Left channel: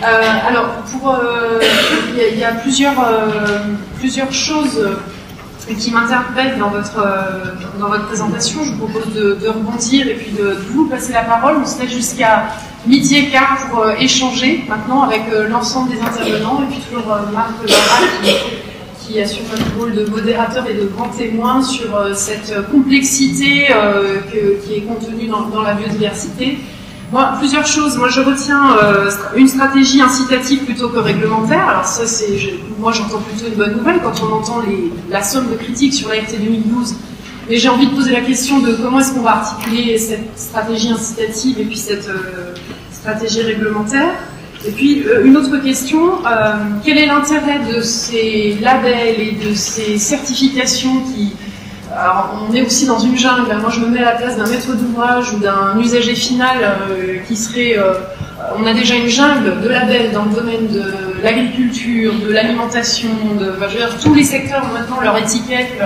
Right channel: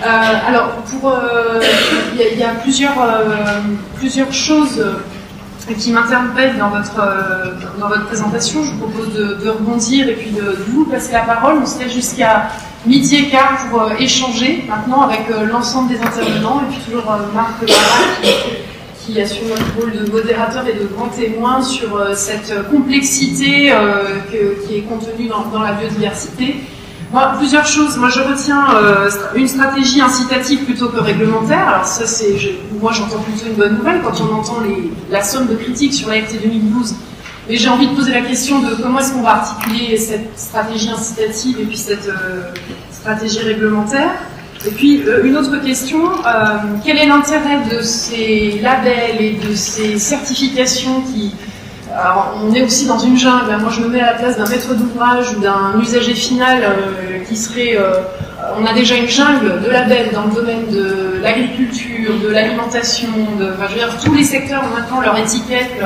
Alors, il y a plusieurs choses qui m'interpellent dans votre présentation. Je vous propose de rebondir et puis de vous passer la parole. On serait jusqu'à 12h15 pour échanger maintenant avec l'ensemble des intervenants et puis toujours Marc qui assume le rôle de modérateur et de grand témoin sur cette complexité qui est contenue dans la biodiversité. Plusieurs choses. Moi, je retiens une stratégie incitative plutôt que réglementaire. Alors ça, moi, j'entends plutôt une bonne nouvelle quand on entend la somme de critiques sur la LT 2012. Mais j'ai envie de poser la question de comment est-ce qu'on va articuler cette stratégie incitative et puis cette stratégie réglementaire. Et puis, une autre question, quel est l'intérêt de ces labels et de ces certifications qui... Alors, on est aussi dans une jungle. Moi, je me mets à la place d'un maître d'ouvrage ou d'un usager final qui serait... on a déjà une jungle de labels dans le domaine de l'agriculture, de l'alimentation, tous les secteurs ont maintenant leur étiquette,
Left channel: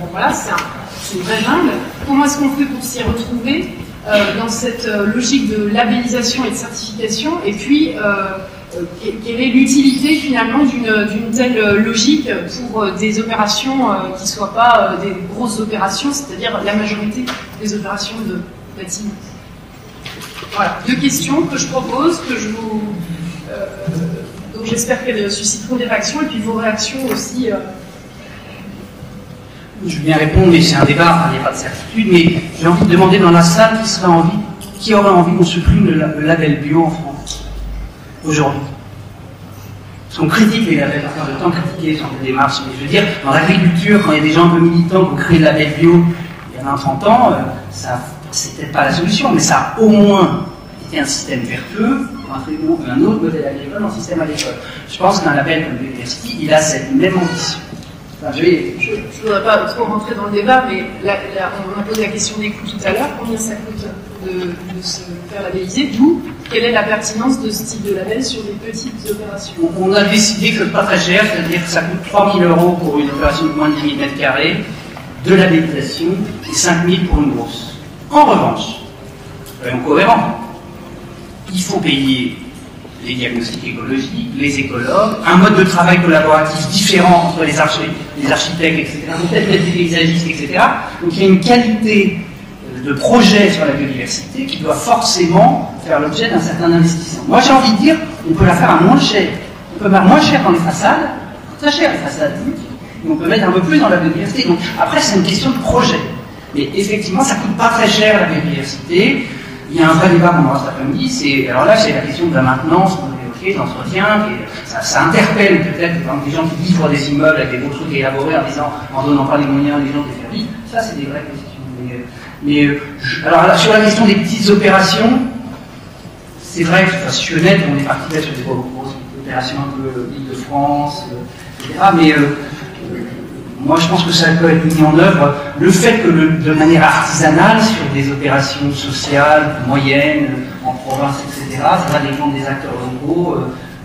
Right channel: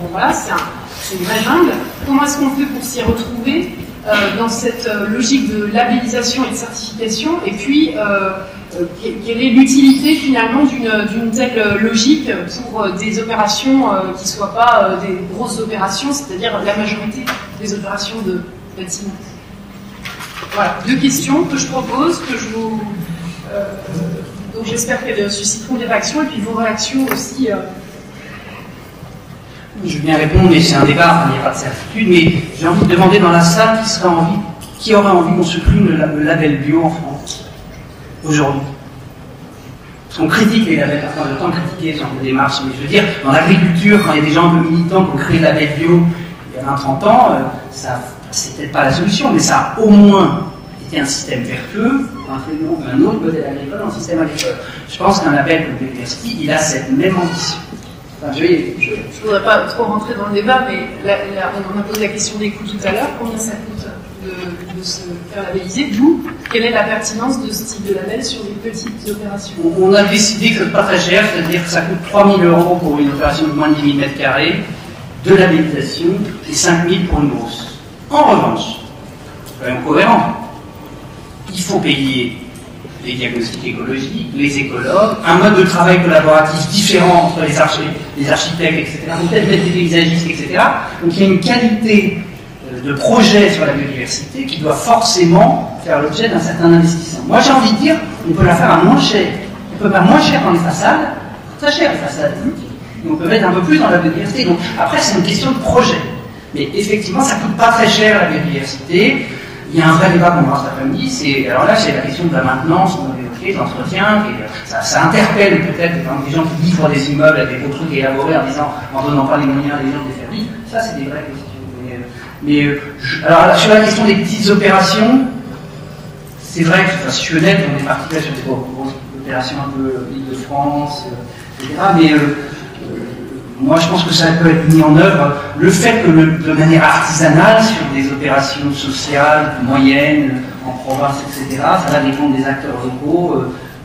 bon, voilà, c'est une vraie jungle. Comment est-ce qu'on fait pour s'y retrouver dans cette logique de labellisation et de certification? Et puis, quelle est l'utilité finalement d'une telle logique pour des opérations qui ne soient pas des grosses opérations, c'est-à-dire la majorité des opérations de bâtiment? Voilà, deux questions que je propose, donc j'espère qu'elles susciteront des réactions et puis vos réactions aussi. Je veux bien répondre, mais c'est un débat, il n'y a pas de certitude, mais j'ai envie de demander dans la salle qui aurait envie qu'on supprime le label bio en France aujourd'hui. Parce qu'on critique les labels, parce qu'on a le temps de critiquer ce genre de démarche, mais je veux dire, dans l'agriculture, quand il y a des gens un peu militants qui ont créé le label bio il y a 20-30 ans, c'est peut-être pas la solution, mais ça a au moins été un système vertueux, un autre modèle agricole dans le système agricole. Je pense qu'un label comme Biodiversity, il a cette même ambition. Enfin, je ne voudrais pas trop rentrer dans le débat, mais on a posé la question des coûts tout à l'heure. Combien ça coûte de se faire labelliser? D'où quelle est la pertinence de ce type de label sur des petites opérations? On a décidé que ce n'est pas très cher, c'est-à-dire que ça coûte 3 000 € pour une opération de moins de 10 000 m2 de labellisation et 5 000 pour une grosse. En revanche, soyons cohérents, il faut payer les diagnostics écologiques, les écologues, un mode de travail collaboratif différent entre les architectes, etc., peut-être les paysagistes, etc. Donc il y a une qualité de projet sur la biodiversité qui doit forcément faire l'objet d'un certain investissement. Moi j'ai envie de dire, on peut la faire à moins cher. On peut faire moins cher dans les façades, très cher les façades, et on peut mettre un peu plus dans la biodiversité. Donc après c'est une question de projet. Mais effectivement ça ne coûte pas très cher la biodiversité. Il y a un vrai débat qu'on va voir cet après-midi, alors là c'est la question de la maintenance, on a évoqué, de l'entretien, ça interpelle peut-être des gens qui livrent des immeubles avec des gros trucs élaborés en donnant pas les moyens des gens de les faire vivre. Ça c'est des vraies questions. Alors sur la question des petites opérations, c'est vrai que si je suis honnête, on est parti sur des grosses opérations un peu Île-de-France, etc. Mais moi, je pense que ça peut être mis en œuvre. Le fait que, de manière artisanale, sur des opérations sociales, moyennes, en province, etc., ça va dépendre des acteurs locaux,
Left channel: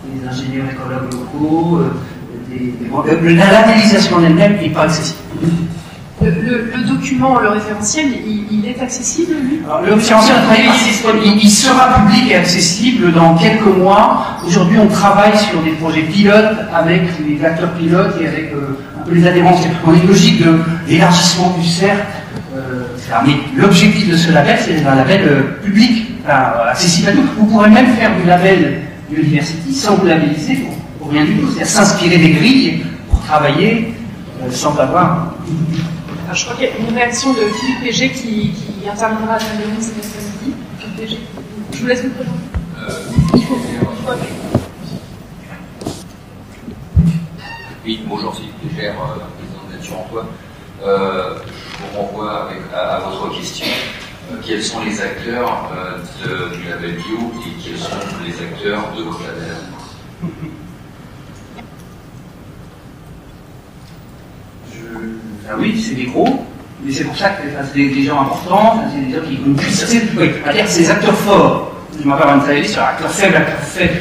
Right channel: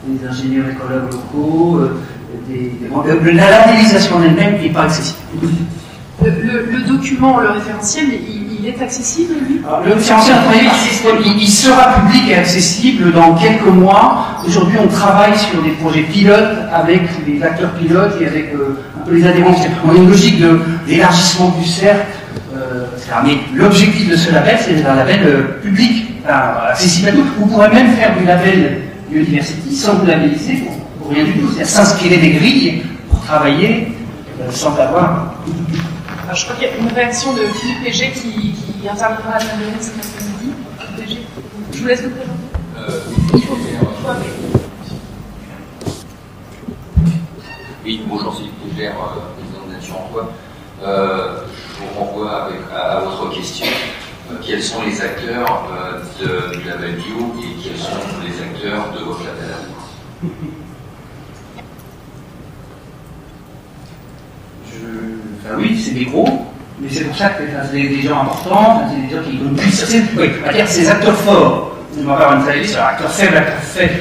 des ingénieurs écologues locaux, la labellisation en elle-même n'est pas accessible. Le document, le référentiel, il est accessible? Alors, le référentiel, il sera public et accessible dans quelques mois. Aujourd'hui, on travaille sur des projets pilotes avec les acteurs pilotes et avec un peu les adhérents. On a une logique d'élargissement du cercle. Mais l'objectif de ce label, c'est un label public, accessible à tous. Vous pourrez même faire du label Biodiversity sans vous labelliser pour rien du tout. C'est-à-dire s'inspirer des grilles pour travailler sans avoir... Je crois qu'il y a une réaction de Philippe Léger qui interviendra à la réunion cet après-midi. Philippe Léger, je vous laisse le présenter. Oui, bonjour, Philippe Léger, président de Nature Emploi. Je vous renvoie à votre question. Quels sont les acteurs du label bio et quels sont les acteurs de votre label? Oui, c'est des gros, mais c'est pour ça que c'est des gens importants, c'est des gens qui connaissent. C'est des acteurs forts. Je m'en parle de sur acteurs faibles, acteurs faibles.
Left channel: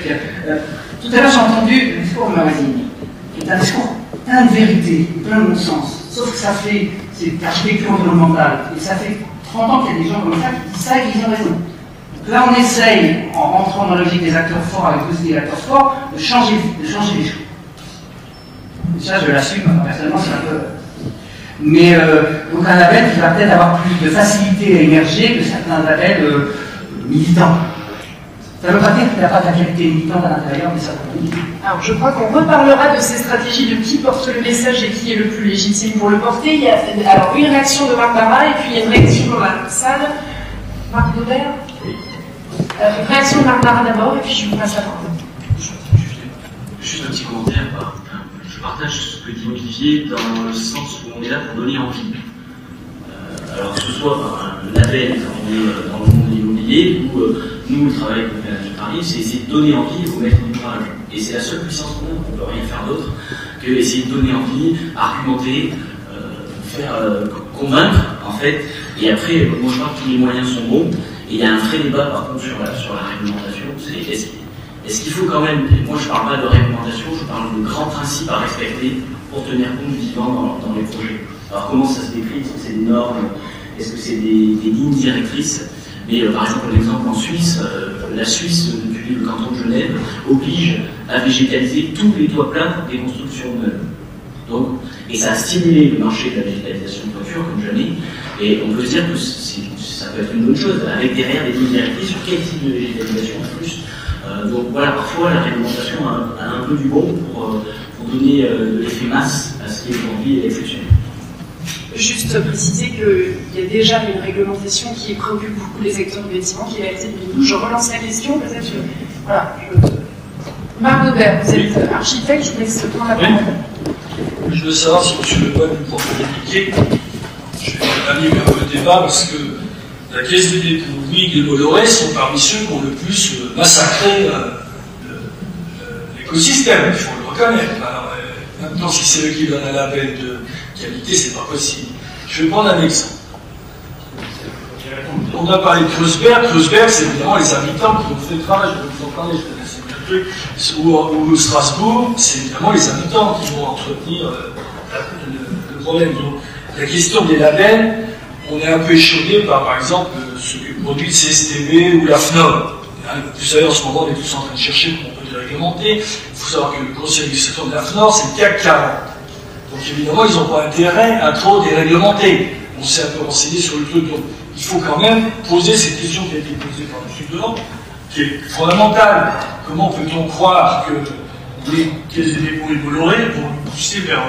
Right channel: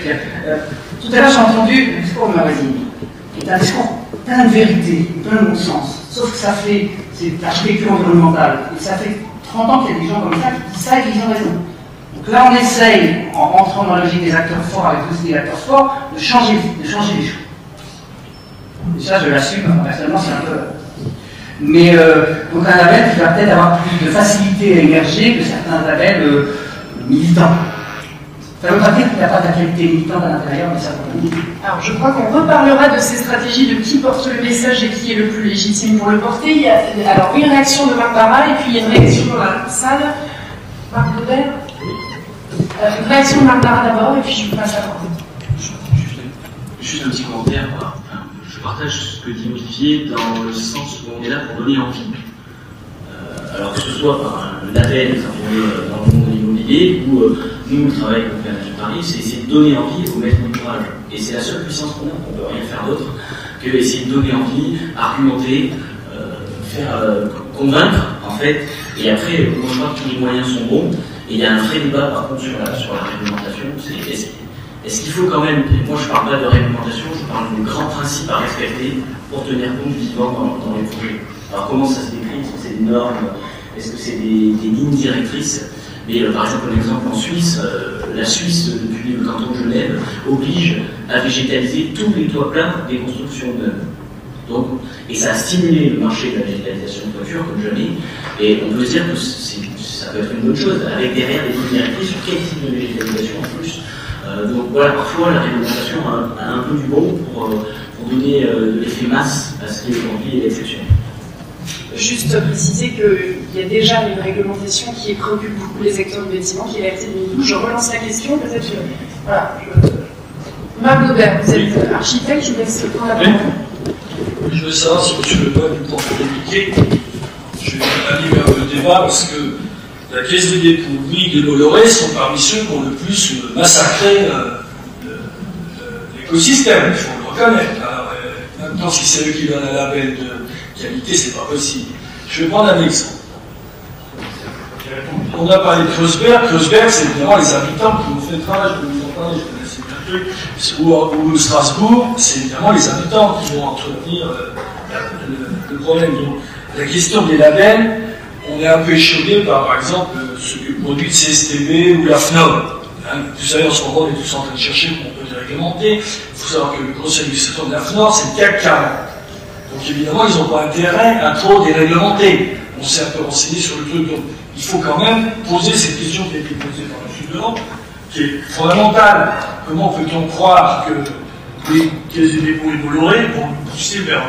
Tout à l'heure, j'ai entendu le discours de Marazini, qui est un discours plein de vérité, plein de bon sens. Sauf que c'est de l'architecture environnementale. Et ça fait 30 ans qu'il y a des gens comme ça qui disent ça et qui ont raison. là, on essaye, en rentrant dans la logique des acteurs forts avec tous les acteurs forts, de changer les choses. Et ça, je l'assume, personnellement, c'est un peu... Mais donc un label qui va peut-être avoir plus de facilité à émerger que certains labels militants. Ça ne veut pas dire qu'il n'a pas de la qualité militante à l'intérieur, mais ça peut. Alors je crois qu'on reparlera de ces stratégies de qui porte le message et qui est le plus légitime pour le porter. Il y a alors une réaction de Marc Barra et puis il y a une réaction dans la salle. Marc Baudel. Une réaction de Marc Barra d'abord et puis je vous passe la parole. Juste un petit commentaire. Je partage ce que dit Olivier dans le sens où on est là pour donner envie. Alors que ce soit par un appel dans le monde de l'immobilier ou nous, le travail qu'on fait à la Paris, c'est essayer de donner envie au maître d'ouvrage. Et c'est la seule puissance qu'on a, on ne peut rien faire d'autre que essayer de donner envie, argumenter, convaincre, en fait. Et après, moi je crois que tous les moyens sont bons. Et il y a un vrai débat par contre sur la réglementation. Est-ce qu'il faut quand même, moi je ne parle pas de réglementation, je parle des grands principes à respecter pour tenir compte du vivant dans les projets. Alors comment ça se décrit? Est-ce que c'est des normes? Est-ce que c'est des lignes directrices? Mais par exemple, un exemple en Suisse, la Suisse, depuis le canton de Genève, oblige à végétaliser tous les toits plats des constructions neuves. Donc, et ça a stimulé le marché de la végétalisation de toiture comme jamais. Et on peut dire que ça peut être une bonne chose, avec derrière des lignes directrices sur quel type de végétalisation en plus. Donc voilà, parfois la réglementation a un peu du bon pour donner de l'effet masse à ce qui est aujourd'hui l'exception. Juste préciser qu'il y a déjà une réglementation qui préoccupe beaucoup les acteurs du bâtiment, qui a été mise. Je relance la question, peut-être. Voilà. Marc Baudel, vous êtes architecte, je vous laisse le temps à la parole. Je veux savoir si M. Lebrun du porte communiqué. Je vais animer un peu le débat parce que la Caisse des dépôts, Bouygues et Bolloré sont parmi ceux qui ont le plus massacré l'écosystème, il faut le reconnaître. Alors, maintenant, si c'est eux qui donnent un label de qualité, c'est pas possible. Je vais prendre un exemple. On a parlé de Kreuzberg. Kreuzberg, c'est évidemment les habitants qui ont fait le travail. Je vais vous en parler, je connaissais bien peu. Ou Strasbourg, c'est évidemment les habitants qui vont entretenir le problème. Donc, la question des labels, on est un peu échaudé par exemple, ce que produit le CSTB ou la FNOR. Vous savez, en ce moment, on est tous en train de chercher comment on peut les réglementer. Il faut savoir que le conseil d'administration de la FNOR, c'est le CAC 40. Donc évidemment, ils n'ont pas intérêt à trop déréglementer. On s'est un peu renseigné sur le truc. Donc il faut quand même poser cette question qui a été posée par M. Blanc, qui est fondamentale. Comment peut-on croire que les caisses des dépôts et Bolloré vont nous pousser vers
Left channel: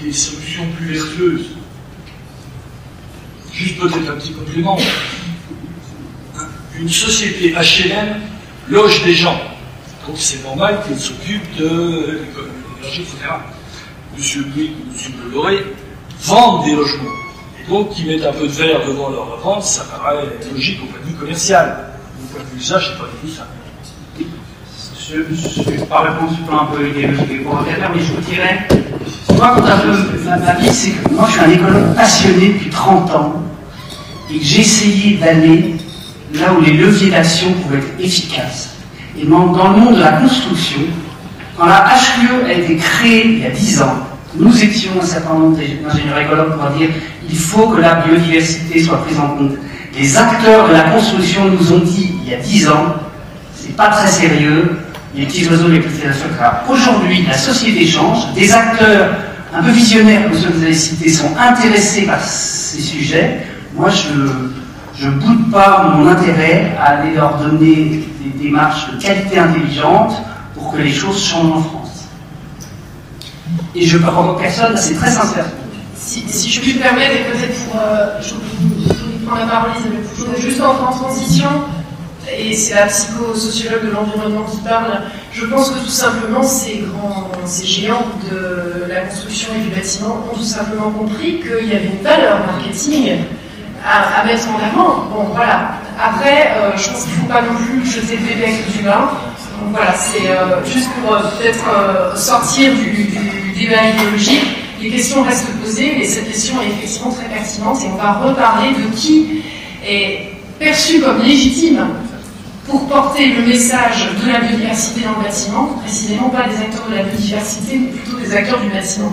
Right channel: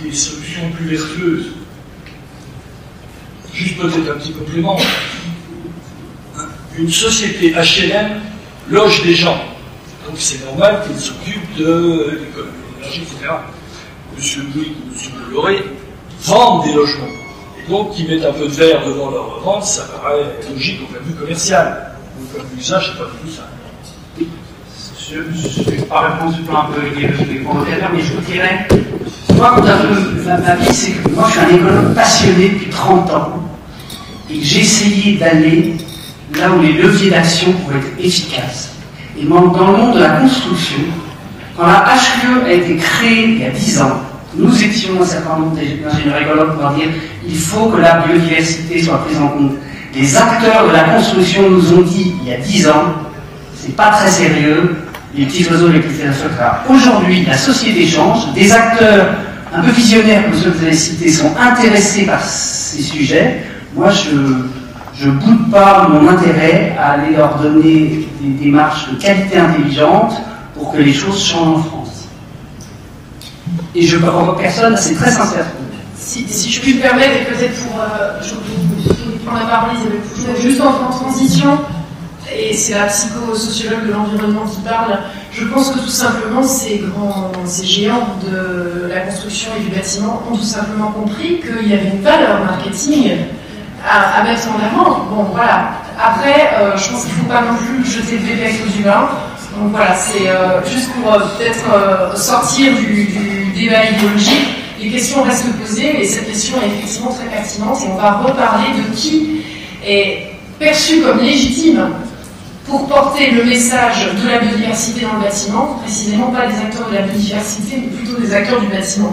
des solutions plus vertueuses? Juste peut-être un petit complément. Une société HLM loge des gens. Donc c'est normal qu'ils s'occupent de l'énergie, etc. M. Bouygues ou M. Bolloré vendent des logements. Et donc, qu'ils mettent un peu de verre devant leur vente, ça paraît logique au point de vue commercial. Au point de vue usage, c'est pas du tout ça. Je ne vais pas répondre sur le plan un peu idéologique et provocateur, mais je vous dirais, moi, quand un peu ma vie, c'est que moi, je suis un écologue passionné depuis 30 ans, et que j'ai essayé d'aller là où les leviers d'action pourraient être efficaces. Et dans le monde de la construction, quand la HUE a été créée il y a 10 ans, nous étions un certain nombre d'ingénieurs écologues pour dire il faut que la biodiversité soit prise en compte. Les acteurs de la construction nous ont dit il y a 10 ans, c'est pas très sérieux, les petits oiseaux, les petites créations, etc. Aujourd'hui, la société change, des acteurs un peu visionnaires, comme ceux que vous avez cités, sont intéressés par ces sujets. Moi, je ne boude pas mon intérêt à aller leur donner des démarches de qualité intelligente pour que les choses changent en France. Et je ne provoque personne, c'est très sincère. Si je me permets, peut-être pour prendre la parole, Isabelle Pougeot, juste en transition, et c'est la psychosociologue de l'environnement qui parle, je pense que tout simplement ces géants de la construction et du bâtiment ont tout simplement compris qu'il y avait une valeur marketing à mettre en avant. Bon, voilà. Après, je pense qu'il ne faut pas non plus jeter le bébé avec du bain. Donc voilà, c'est juste pour peut-être sortir du débat idéologique. Les questions restent posées, mais cette question est effectivement très pertinente et on va reparler de qui est perçu comme légitime pour porter le message de la biodiversité dans le bâtiment, précisément pas des acteurs de la biodiversité, mais plutôt des acteurs du bâtiment.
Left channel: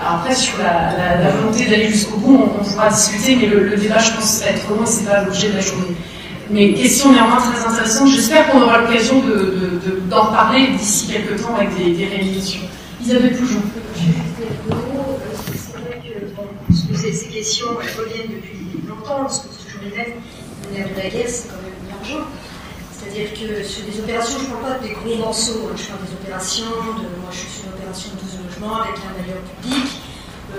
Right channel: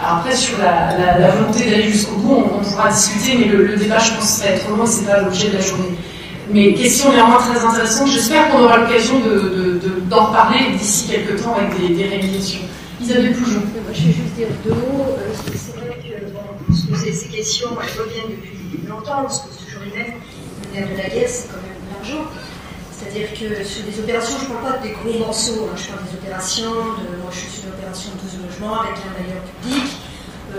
Alors après, sur la volonté d'aller jusqu'au bout, on pourra discuter, mais le débat, je pense, va être long et c'est pas l'objet de la journée. mais question néanmoins très intéressante. J'espère qu'on aura l'occasion d'en reparler d'ici quelques temps avec des réalisations. Isabelle Poujon. Je vais juste dire deux mots. C'est vrai que ces questions, elles reviennent depuis longtemps, parce que c'est toujours les mêmes. Le nerf de la guerre, c'est quand même l'argent. C'est-à-dire que sur des opérations, je ne parle pas des gros morceaux, je parle des opérations, moi je suis sur une opération de 12 logements avec un bailleur public.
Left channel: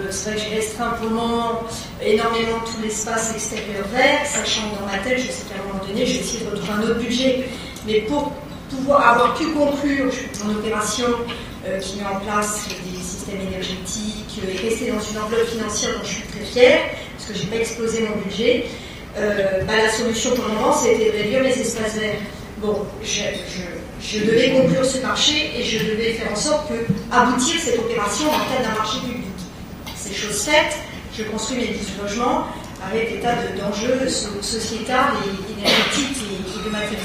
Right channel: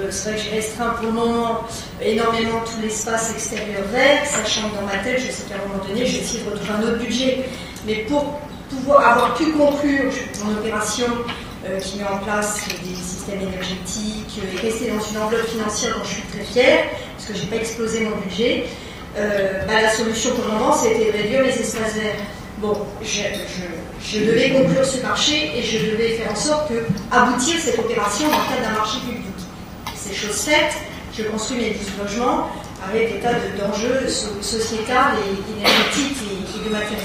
C'est vrai que j'ai restreint pour le moment énormément tout l'espace extérieur vert, sachant que dans ma tête, je sais qu'à un moment donné, je vais essayer de retrouver un autre budget. Mais pour pouvoir avoir pu conclure mon opération qui met en place des systèmes énergétiques et rester dans une enveloppe financière dont je suis très fière, parce que je n'ai pas explosé mon budget, la solution pour le moment, c'était de réduire mes espaces verts. Bon, je devais conclure ce marché et je devais faire en sorte que aboutir cette opération dans le cadre d'un marché public. C'est chose faite, je construis mes 12 logements avec des tas d'enjeux sociétals et énergétiques et de matériaux.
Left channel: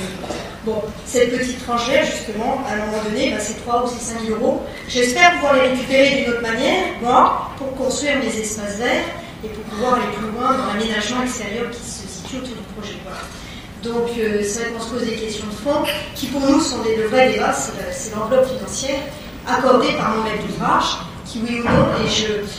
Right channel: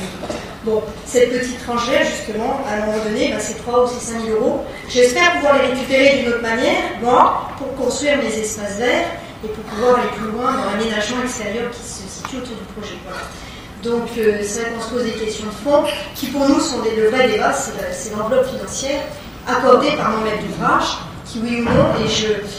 Bon, cette petite tranche verte, justement, à un moment donné, c'est 3 ou 5 000 euros. J'espère pouvoir les récupérer d'une autre manière, moi, pour construire mes espaces verts et pour pouvoir aller plus loin dans l'aménagement extérieur qui se situe autour du projet. Voilà. Donc, c'est vrai qu'on se pose des questions de fond qui, pour nous, sont de vrais débats. C'est l'enveloppe financière accordée par mon maître d'ouvrage, qui, oui ou non, et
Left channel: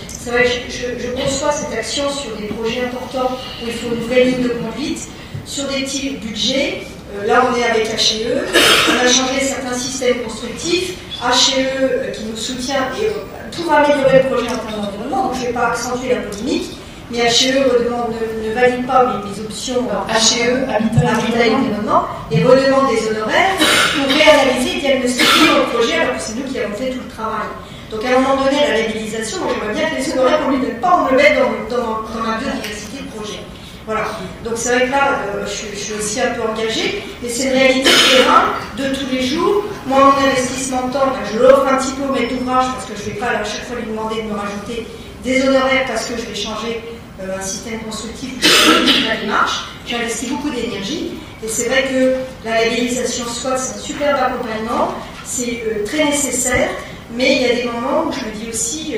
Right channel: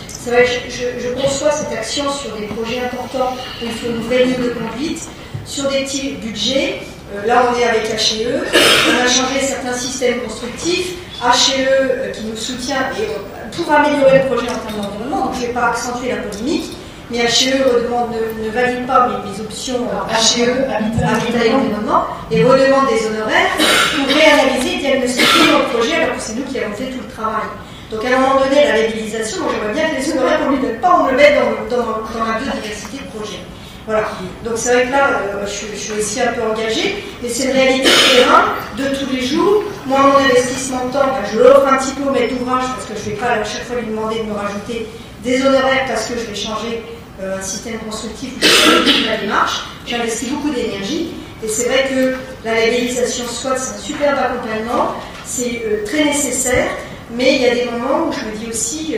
c'est vrai que je conçois cette action sur des projets importants où il faut une vraie ligne de conduite, sur des petits budgets. Là, on est avec HE, on a changé certains systèmes constructifs, HE qui nous soutient et tout va améliorer le projet en termes d'environnement, donc je ne vais pas accentuer la polémique, mais HE ne valide pas mes options HE, Habitat et Environnement, et redemande des honoraires pour réanalyser et diagnostiquer notre projet alors que c'est nous qui avons fait tout le travail. Donc à un moment donné, la labellisation, moi j'aimerais bien que les honoraires qu'on ne lui donne pas, on me le mette dans ma biodiversité de projet. Voilà. Donc c'est vrai que là, je suis aussi un peu engagée, mais c'est une réalité de terrain de tous les jours. Moi, mon investissement de temps, je l'offre un petit peu au maître d'ouvrage parce que je ne vais pas à chaque fois lui demander de me rajouter des honoraires parce que je vais changer un système constructif où je fais la démarche. J'investis beaucoup d'énergie et c'est vrai que la labellisation SWOT, c'est un superbe accompagnement, c'est très nécessaire. Mais il y a des moments où je me dis aussi,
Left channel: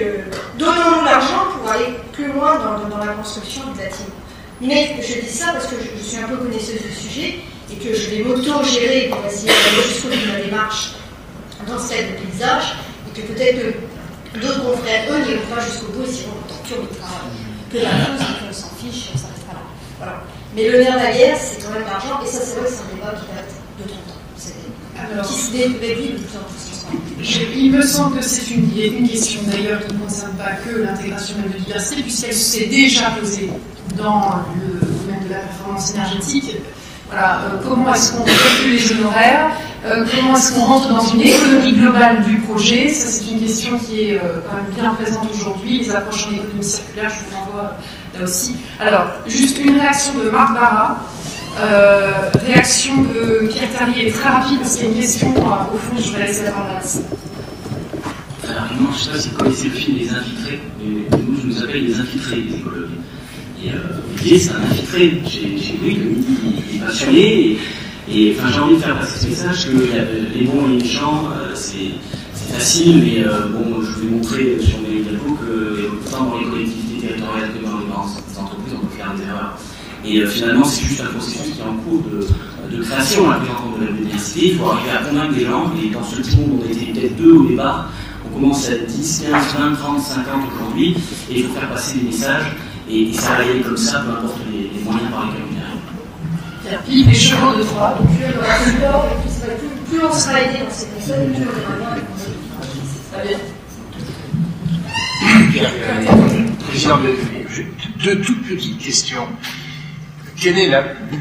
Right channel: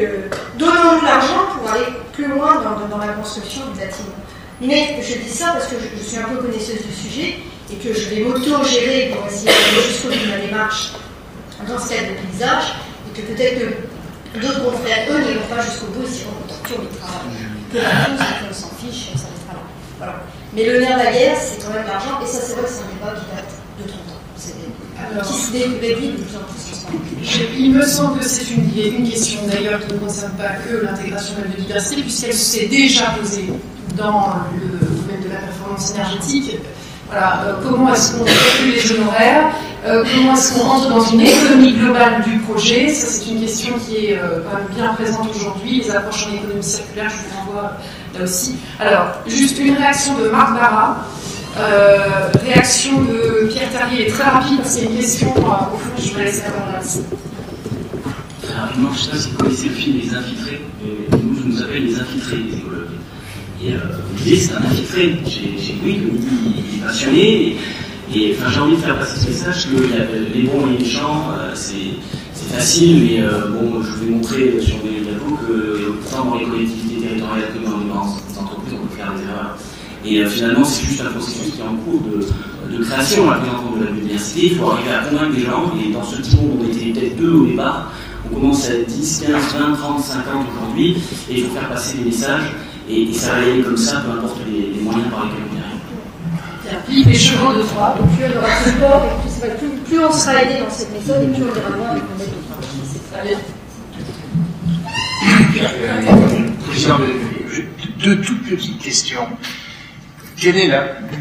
donnons-nous l'argent pour aller plus loin dans la construction du bâtiment. Mais je dis ça parce que je suis un peu connaisseuse du sujet et que je vais m'auto-gérer pour essayer d'aller jusqu'au bout de ma démarche dans ce cadre de paysage et que peut-être que d'autres confrères, eux, n'iront pas jusqu'au bout et s'iront torture les travaux. Que la chose et qu'on s'en fiche, on s'arrêtera là. Voilà. Mais le nerf de la guerre, c'est quand même l'argent et ça, c'est vrai que c'est un débat qui date de 30 ans. Qui se réduit de plus en plus en ce moment. Il me semble que c'est une question d'ailleurs qui ne concerne pas que l'intégration de la biodiversité, puisqu'elle s'est déjà posée dans le domaine de la performance énergétique. Voilà, comment est-ce qu'on calcule les honoraires, comment est-ce qu'on rentre dans une économie globale du projet, ça c'est une question qui est quand même bien présente aujourd'hui, les approches en économie circulaire, je vous renvoie là aussi. Alors, juste une réaction de Marc Barra. Réaction de Pierre Terrier est très rapide parce qu'il y a une question au fond, je vais laisser la parole là-dessus. Très rapidement, je ne sais pas si vous connaissez le film Les Infiltrés, mais nous, je nous appelle Les Infiltrés des écologues. Et Olivier, c'est un infiltré chez Louis, il est passionné, et enfin, j'ai envie de faire passer ce message que les bons et les méchants, c'est facile, mais bon, je vais montrer sur mes tableaux que tant dans les collectivités territoriales que dans les grandes entreprises, on peut faire des erreurs. Et finalement, c'est juste un processus qui est en cours de création à la prise en compte de la biodiversité. Il faut arriver à convaincre des gens, et dans ce petit monde, on était peut-être 2 au départ, on commence à 10, 15, 20, 30, 50 aujourd'hui, et il faut faire passer des messages, et ça va y aller comme ça, peu importe les moyens par lesquels on y arrive. Les chevaux de Troie. Et plus on aura de support, et plus on sera aidé dans cette méthode, et plus on ira loin avec mon aide d'ouvrage. C'est très bien. Président deux toutes petites questions. Quel est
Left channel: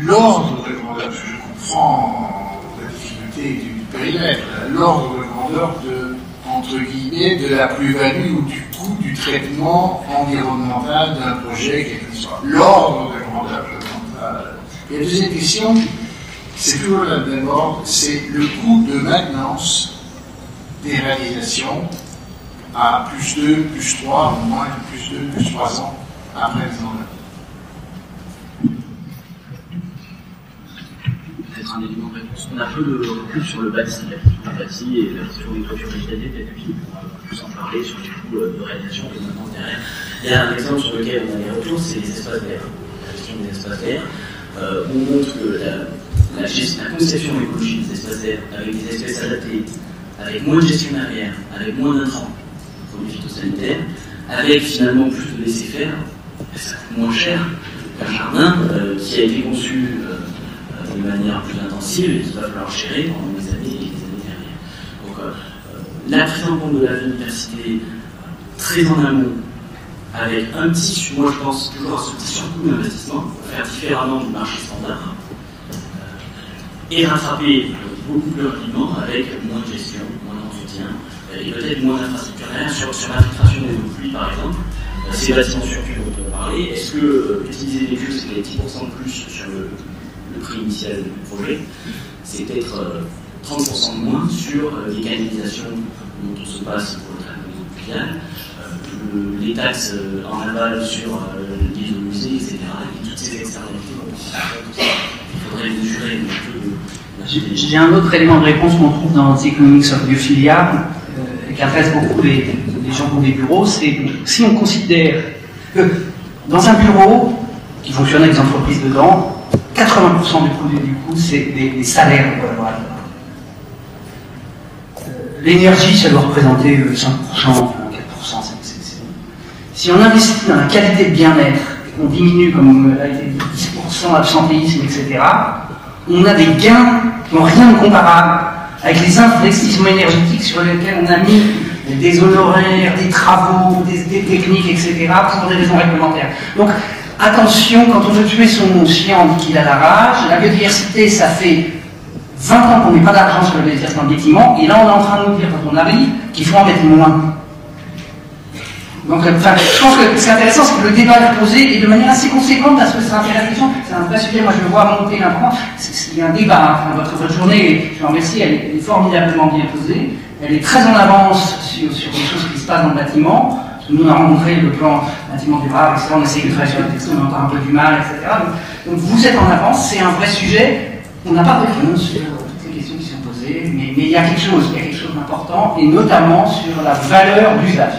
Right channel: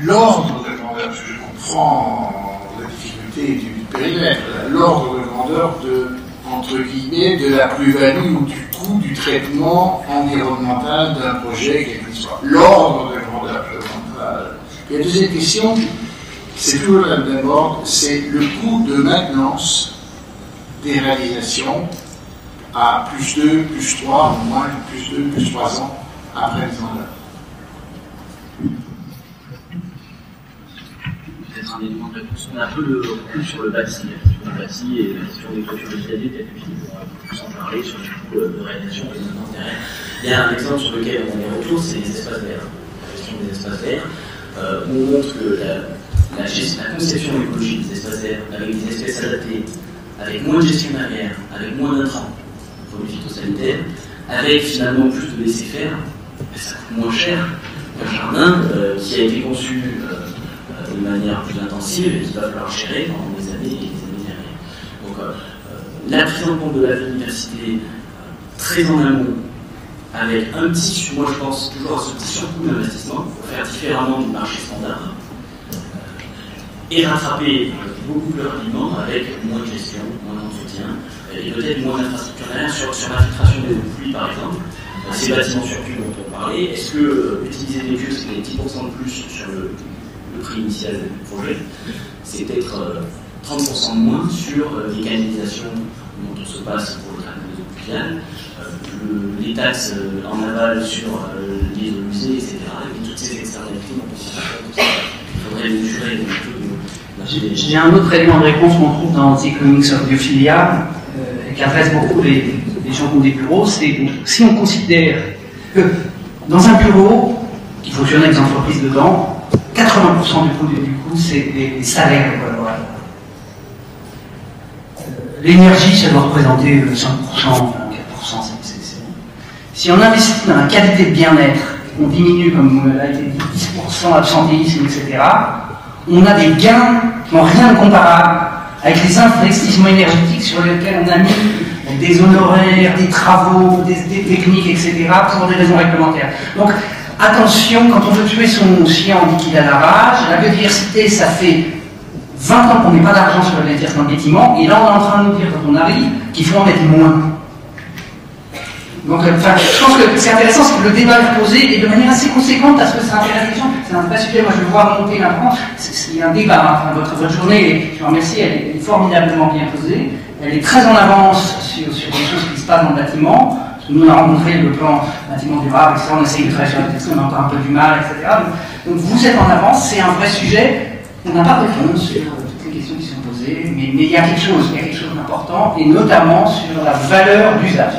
l'ordre de grandeur? Je comprends la difficulté du périmètre, l'ordre de grandeur entre guillemets, de la plus-value ou du coût du traitement environnemental d'un projet, quel qu'il soit. L'ordre de grandeur. Et la deuxième question, c'est toujours la même ordre, c'est le coût de maintenance des réalisations à +2, +3, ou moins +2, +3 ans après mise en œuvre. Peut-être un élément de réponse. On a un peu le recul sur le bâti, la question du bâti et la question des toitures végétalisées, peut-être que Philippe pourra plus en parler sur les coûts de réalisation et de maintenance derrière. Il y a un exemple sur lequel on a des retours, c'est les espaces verts. La gestion des espaces verts. on montre que la conception écologique des espaces verts, avec des espèces adaptées, avec moins de gestion derrière, avec moins d'intrants, produits phytosanitaires, avec finalement plus de laisser faire, ça coûte moins cher qu'un jardin qui a été conçu de manière plus intensive et qu'il va falloir gérer pendant des années et des années derrière. Donc la prise en compte de la biodiversité très en amont, avec un petit, moi je pense toujours à ce petit surcoût d'investissement pour faire différemment du marché standard et rattraper beaucoup plus rapidement avec moins de gestion, moins d'entretien et peut-être moins d'infrastructures derrière sur l'infiltration des eaux de pluie par exemple. Ces bâtiments surpuits dont on parlait, est-ce que utiliser des vieux c'était 10% de plus sur le prix initial du projet, c'est peut-être 30% de moins sur les canalisations dont on se passe pour le traitement des eaux pluviales, les taxes en aval sur les eaux usées, etc. Et toutes ces externalités dont on se rend compte aussi. Il faudrait les mesurer un peu de la GDG. J'ai un autre élément de réponse qu'on trouve dans The Economics of Biophilia, qui intéresse beaucoup les gens qui ont des bureaux, c'est que si on considère que dans un bureau qui fonctionne avec des entreprises dedans, 80% du produit du coût, c'est les salaires des collaborateurs. L'énergie, ça doit représenter 5%, 4%, c'est bon. Si on investit dans la qualité de bien-être, et qu'on diminue, comme a été dit, 10% d'absentéisme, etc., on a des gains qui n'ont rien de comparable avec les investissements énergétiques sur lesquels on a mis des honoraires, des travaux, des techniques, etc., pour des raisons réglementaires. Donc, attention, quand on veut tuer son chien, on dit qu'il a la rage. La biodiversité, ça fait 20 ans qu'on met pas d'argent sur la biodiversité dans le bâtiment, et là on est en train de nous dire, quand on arrive, qu'il faut en mettre moins. Donc, je pense que ce qui est intéressant, c'est que le débat est posé et de manière assez conséquente parce que ça intéresse les gens. C'est un vrai sujet, moi je le vois monter maintenant. Il y a un débat, hein, votre journée, et je vous remercie, elle est formidablement bien posée. Elle est très en avance sur les choses qui se passent dans le bâtiment. Nous, on a rencontré le plan bâtiment durable, etc. On essaye de travailler sur la texte, on a encore un peu du mal, etc. Donc vous êtes en avance, c'est un vrai sujet. On n'a pas de réponse sur toutes les questions qui sont posées, mais il y a quelque chose d'important, et notamment sur la valeur d'usage.